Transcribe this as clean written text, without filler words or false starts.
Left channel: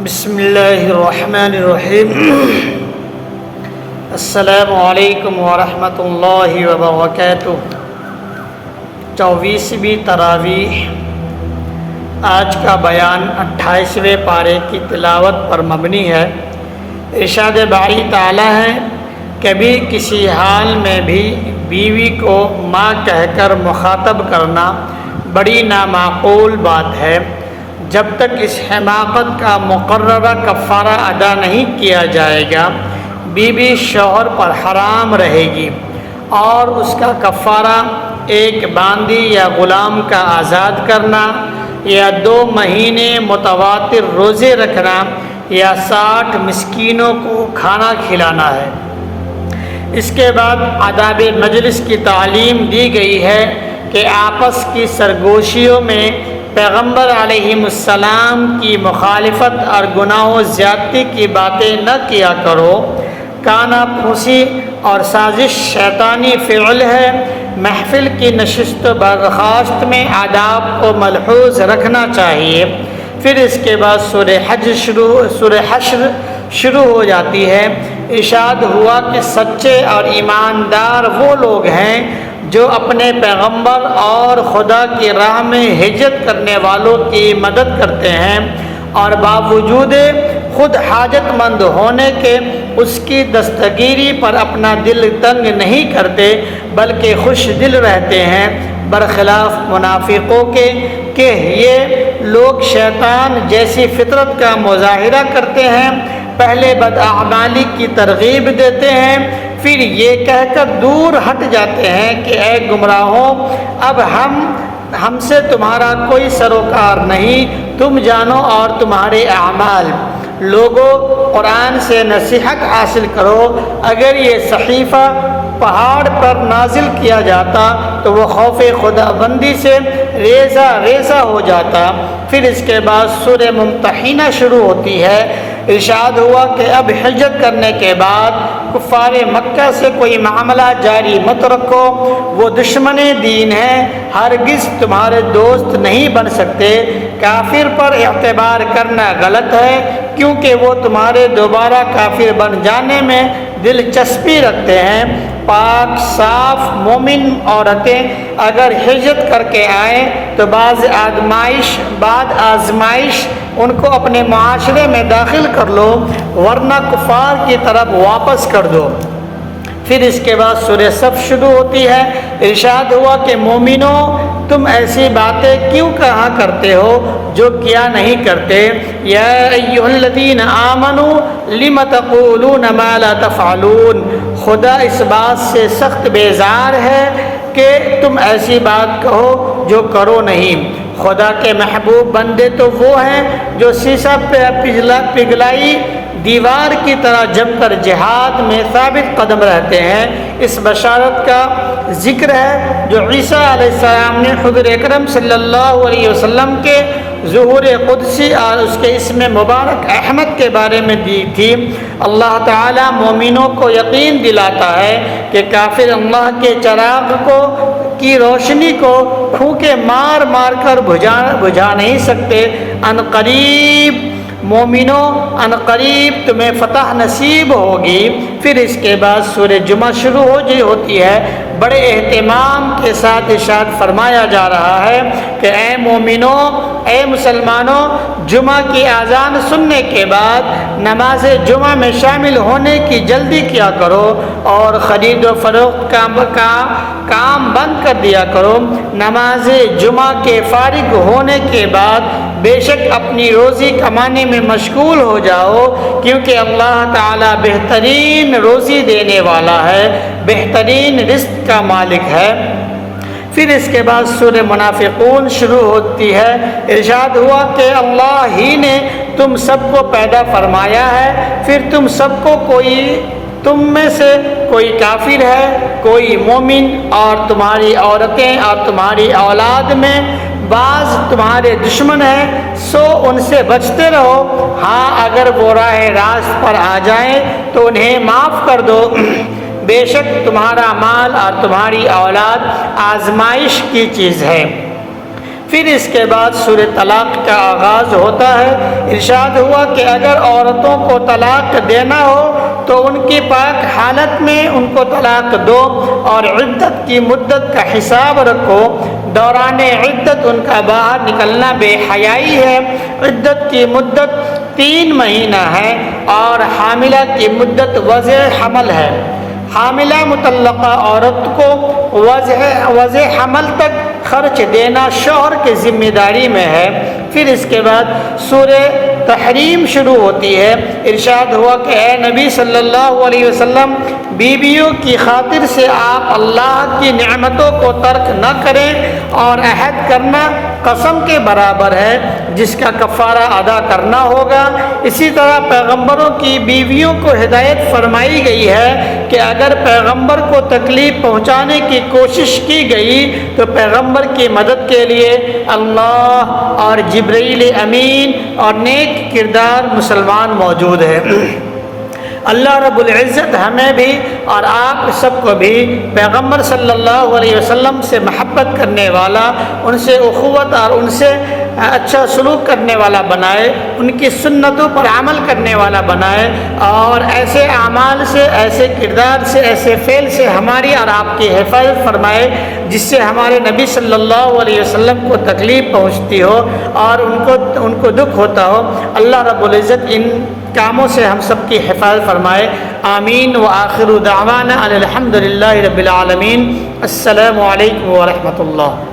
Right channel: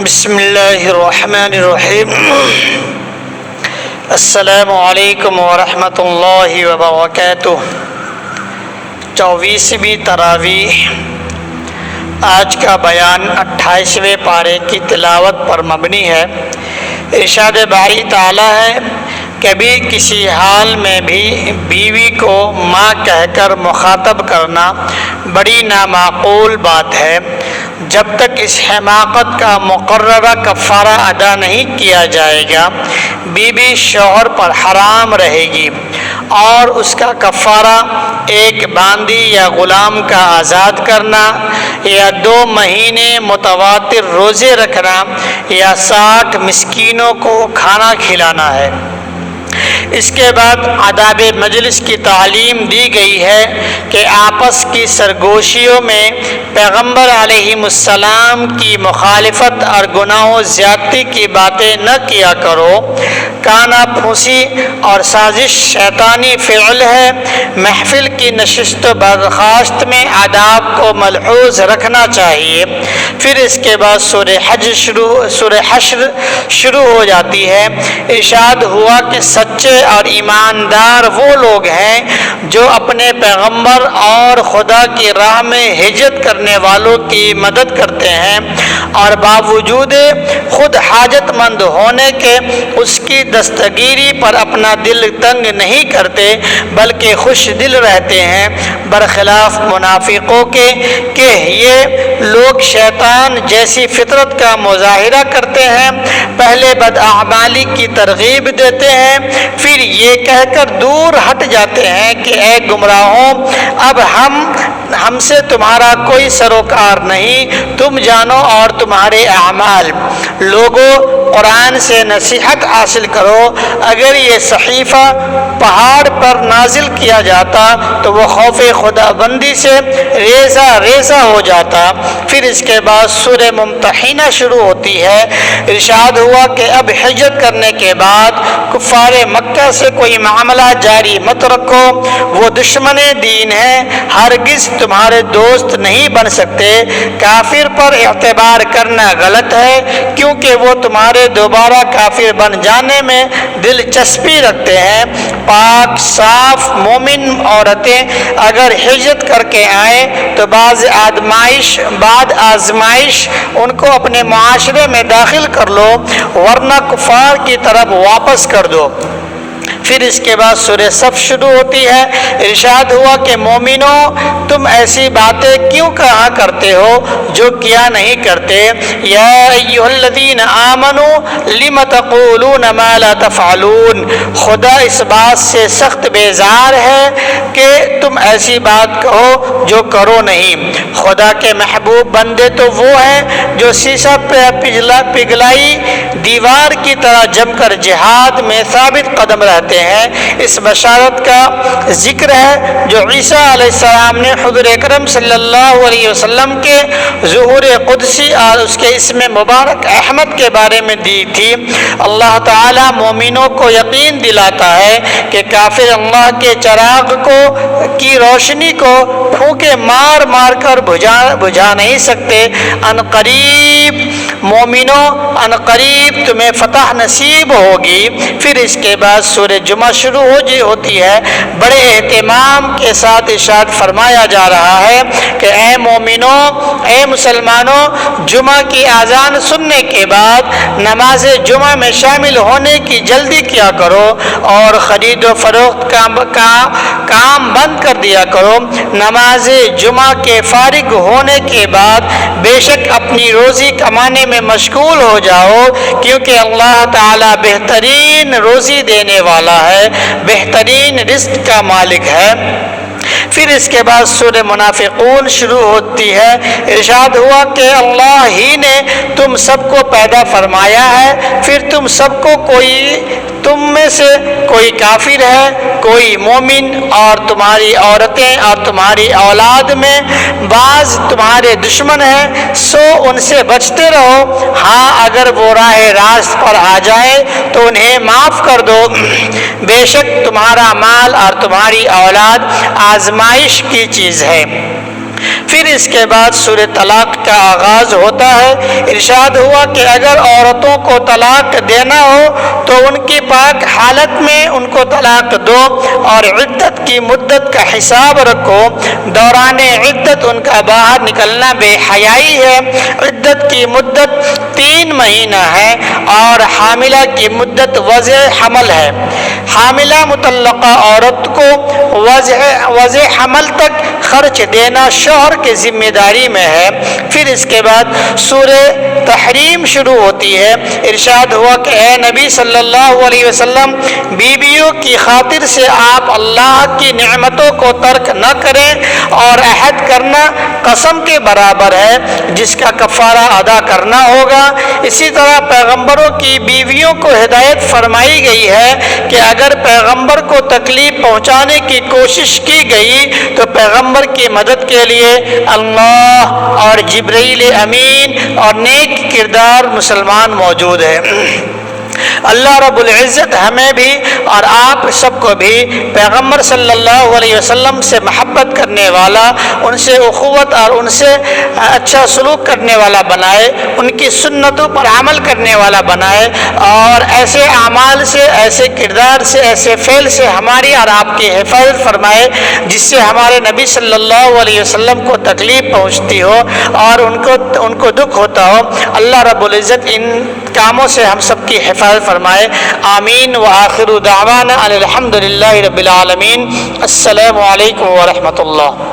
بسم اللہ الرحمن الرحیم۔ السلام علیکم ورحمۃ اللہ وبرکاتہ۔ 24ویں تراویح۔ آج کا بیان 28ویں پارے کی تلاوت پر مبنی ہے۔ ارشاد باری تعالیٰ ہے، کبھی کسی حال میں بھی بیوی کو ماں کہہ کر مخاطب کرنا بڑی نامعقول بات ہے۔ جب تک اس حماقت کا مقررہ کفارہ ادا نہیں کیا جائے گا، بیوی شوہر پر حرام رہے گی، اور اس کا کفارہ ایک باندی یا غلام کا آزاد کرنا، یا 2 مہینے متواتر روزے رکھنا، یا 60 مسکینوں کو کھانا کھلانا ہے۔ اس کے بعد آداب مجلس کی تعلیم دی گئی ہے کہ آپس کی سرگوشیوں میں پیغمبر علیہ السلام کی مخالفت اور گناہ و زیادتی کی باتیں نہ کیا کرو۔ کانا پھوسی اور سازش شیطانی فعل ہے۔ محفل کی نشست و برخاست میں آداب کو ملحوظ رکھنا چاہیے۔ پھر اس کے بعد سورہ حشر شروع ہو جاتی ہے۔ ارشاد ہوا کہ سچے اور ایماندار وہ لوگ ہیں جو اپنے پیغمبر اور خدا کی راہ میں ہجرت کرنے والوں کی مدد کرتے ہیں، اور باوجود خود حاجت مند ہونے کے اس کی دستگیری پر اپنا دل تنگ نہیں کرتے، بلکہ خوش دل رہتے ہیں، برخلاف منافقوں کے کہ یہ لوگ شیطان جیسی فطرت کا مظاہرہ کرتے ہیں۔ پہلے بداعمالی کی ترغیب دیتے ہیں، پھر یہ کہہ کر دور ہٹ جاتے ہیں کہ اے گمراہوں، اب ہم سے تمہارا کوئی سروکار نہیں، تم جانو اور تمہارے اعمال۔ لوگوں، قرآن سے نصیحت حاصل کرو۔ اگر یہ صحیفہ پہاڑ پر نازل کیا جاتا تو وہ خوف خدا بندی سے ریزہ ریزہ ہو جاتا۔ پھر اس کے بعد سورہ ممتحنہ شروع ہوتی ہے۔ ارشاد ہوا کہ اب ہجرت کرنے کے بعد کفار مکہ سے کوئی معاملہ جاری مت رکھو، وہ دشمن دین ہیں، ہرگز تمہارے دوست نہیں بن سکتے۔ کافر پر اعتبار کرنا غلط ہے، کیونکہ وہ تمہارے دوبارہ کافر بن جانے میں دلچسپی رکھتے ہیں۔ پاک صاف مومن عورتیں اگر ہجرت کر کے آئیں تو بعد آزمائش ان کو اپنے معاشرے میں داخل کر لو، ورنہ کفار کی طرف واپس کر دو۔ پھر اس کے بعد سورہ صف شروع ہوتی ہے۔ ارشاد ہوا کہ مومنوں، تم ایسی باتیں کیوں کہا کرتے ہو جو کیا نہیں کرتے؟ یا ایھا الذین آمنوا لم تقولون ما لا تفعلون۔ خدا اس بات سے سخت بیزار ہے کہ تم ایسی بات کہو جو کرو نہیں۔ خدا کے محبوب بندے تو وہ ہیں جو سیسہ پگھلائی دیوار کی طرح جم کر جہاد میں ثابت قدم رہتے ہیں۔ اس بشارت کا ذکر ہے جو عیسیٰ علیہ السلام نے حضور اکرم صلی اللہ علیہ وسلم کے ظہور قدسی اور اس کے اسم مبارک احمد کے بارے میں دی تھی۔ اللہ تعالیٰ مومنوں کو یقین دلاتا ہے کہ کافر اللہ کے چراغ کی روشنی کو پھونکے مار مار کر بجھا نہیں سکتے۔ عنقریب مومنوں، عنقریب تمہیں فتح نصیب ہوگی۔ پھر اس کے بعد سورہ جمعہ شروع ہوتی ہے۔ بڑے اہتمام کے ساتھ ارشاد فرمایا جا رہا ہے کہ اے مومنوں، اے مسلمانوں، جمعہ کی اذان سننے کے بعد نماز جمعہ میں شامل ہونے کی جلدی کیا کرو، اور خرید و فروخت کا کام بند کر دیا کرو۔ نماز جمعہ کے فارغ ہونے کے بعد بے شک اپنی روزی کمانے میں مشغول ہو جاؤ، کیونکہ اللہ تعالیٰ بہترین روزی دینے والا ہے، بہترین رزق کا مالک ہے۔ پھر اس کے بعد سورہ منافقون شروع ہوتی ہے۔ ارشاد ہوا کہ اللہ ہی نے تم سب کو پیدا فرمایا ہے، پھر تم میں سے کوئی کافر ہے، کوئی مومن، اور تمہاری عورتیں اور تمہاری اولاد میں بعض تمہارے دشمن ہیں، سو ان سے بچتے رہو۔ ہاں، اگر وہ راہ راست پر آ جائے تو انہیں معاف کر دو۔ بے شک تمہارا مال اور تمہاری اولاد آزمائش کی چیز ہے۔ پھر اس کے بعد سورہ طلاق کا آغاز ہوتا ہے۔ ارشاد ہوا کہ اگر عورتوں کو طلاق دینا ہو تو ان کی پاک حالت میں ان کو طلاق دو اور عدت کی مدت کا حساب رکھو۔ دوران عدت ان کا باہر نکلنا بے حیائی ہے۔ عدت کی مدت 3 مہینہ ہے اور حاملہ کی مدت وضع حمل ہے۔ حاملہ مطلقہ عورت کو وضع حمل تک خرچ دینا شوہر کی ذمہ داری میں ہے۔ پھر اس کے بعد سورہ تحریم شروع ہوتی ہے۔ ارشاد ہوا کہ اے نبی صلی اللہ علیہ وسلم، بیویوں کی خاطر سے آپ اللہ کی نعمتوں کو ترک نہ کریں، اور عہد کرنا قسم کے برابر ہے جس کا کفارہ ادا کرنا ہوگا۔ اسی طرح پیغمبروں کی بیویوں کو ہدایت فرمائی گئی ہے کہ اگر پیغمبر کو تکلیف پہنچانے کی کوشش کی گئی تو پیغمبر کی مدد کے لیے اللہ اور جبرائیل امین اور نیک کردار مسلمان موجود ہے۔ اللہ رب العزت ہمیں بھی اور آپ سب کو بھی پیغمبر صلی اللہ علیہ وسلم سے محبت کرنے والا، ان سے اخوت اور ان سے اچھا سلوک کرنے والا بنائے، ان کی سنتوں پر عمل کرنے والا بنائے، اور ایسے اعمال سے، ایسے کردار سے، ایسے فعل سے ہماری اور آپ کی حفاظت فرمائے جس سے ہمارے نبی صلی اللہ علیہ وسلم کو تکلیف پہنچتی ہو اور ان کو دکھ ہوتا ہو۔ اللہ رب العزت ان کاموں سے ہم سب کی حفاظت فرمائے، آمین۔ وآخر دعوانا الحمد للہ رب العالمین۔ السلام علیکم ورحمۃ اللہ۔